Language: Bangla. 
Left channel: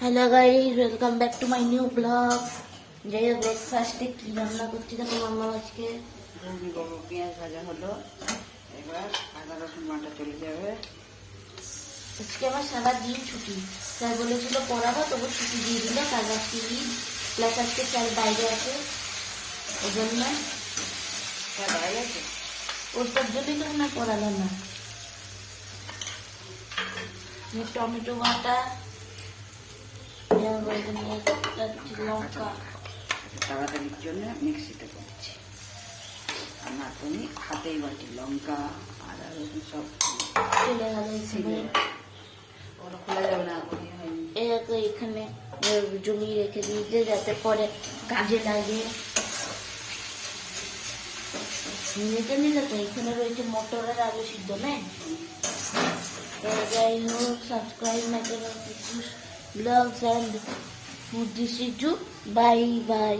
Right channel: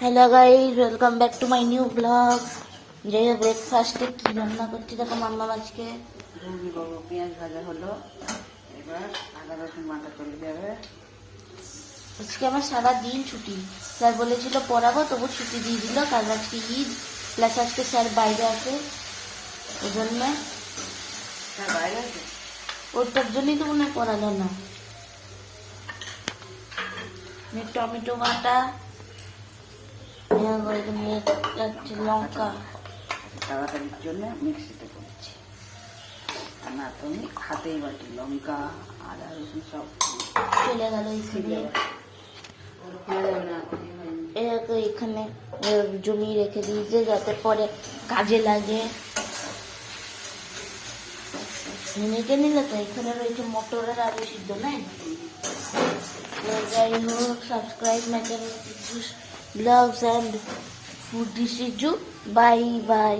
Hello guys, welcome back to my new blog. যাই হোক, ব্রেকফাস্টে কি রান্না করছি দেখো মাম্মা আজকে। পেঁয়াজ ভাজা হলো, এবার আদা রসুন বাটা চলে যাবে। আজকে আমার সারা দিন ছুটি। স্যার বলেছিল পড়াবো, তবু ছুটি দিয়ে দিল। কাল রাত্রি ঈদ, প্লাস আজকে স্যার বাইরে আছে, ওই জন্য বাইরে আছে, ওটার জন্যই তো মনে হয় পড়ালো না। টমেটো বাটা, লঙ্কা তাড়াতাড়ির জন্য মিক্সিতে করছি, আর না তুমি হাতেই বাটি লঙ্কা আদা রসুন সব চলে গেল। এখানে জমি রেখে দিয়েছে যাতে পরে কাজে লাগে। মেখে নিলে তো এখানে রয়েছে মটরের আলু সিদ্ধ, নেই তো যাই হোক, subscribe my channel blogs and food dish Riju. Bye by.